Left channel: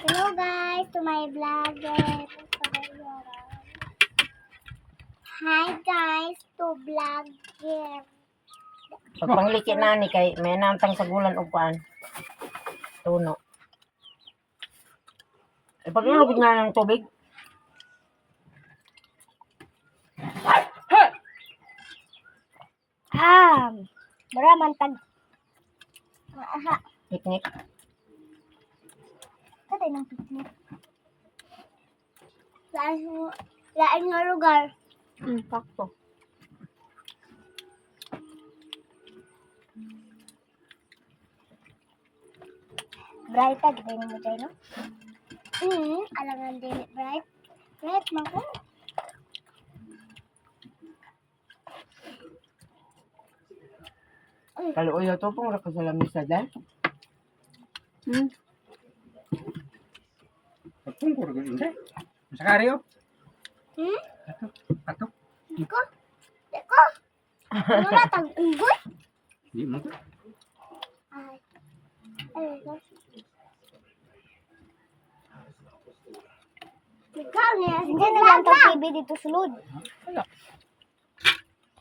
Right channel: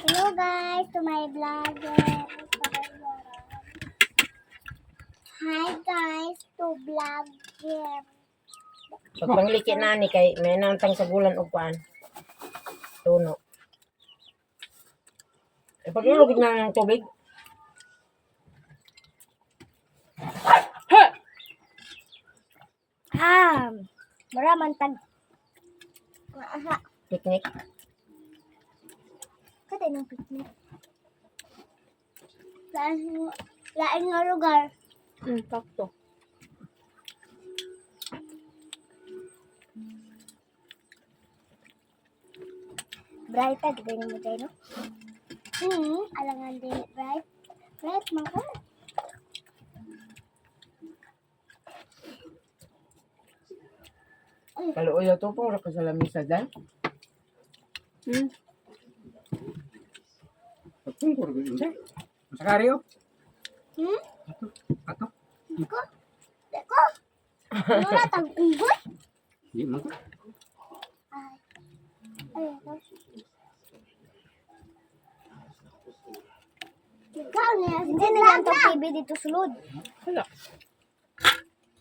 Hello guys, to my vlogger. Hi guys, to vlogger. Pag pangliki na ni kay may namtang sa gulan og kuan. Tuno. E paglulog na ng tubig. Ah, maraman tag. Aha, Picnic. Kada ng picnic. Laan, laan nga lugar. Hmm, sakto. Bright tag, din mo tayo, no? Hmm, alangan din bright. Bright, mga. Kaluoy to pong ra ka sa lamisa dai. Hmm. Pagtungkol ko yun. Masakaryo. Hmm? Ato. Ato. Deko? Deko? Ano na tag unggoy? Di mo. Ay. Ay, ito. Ikaw niya. Hindi na lang tag TV dito sulod. Wala.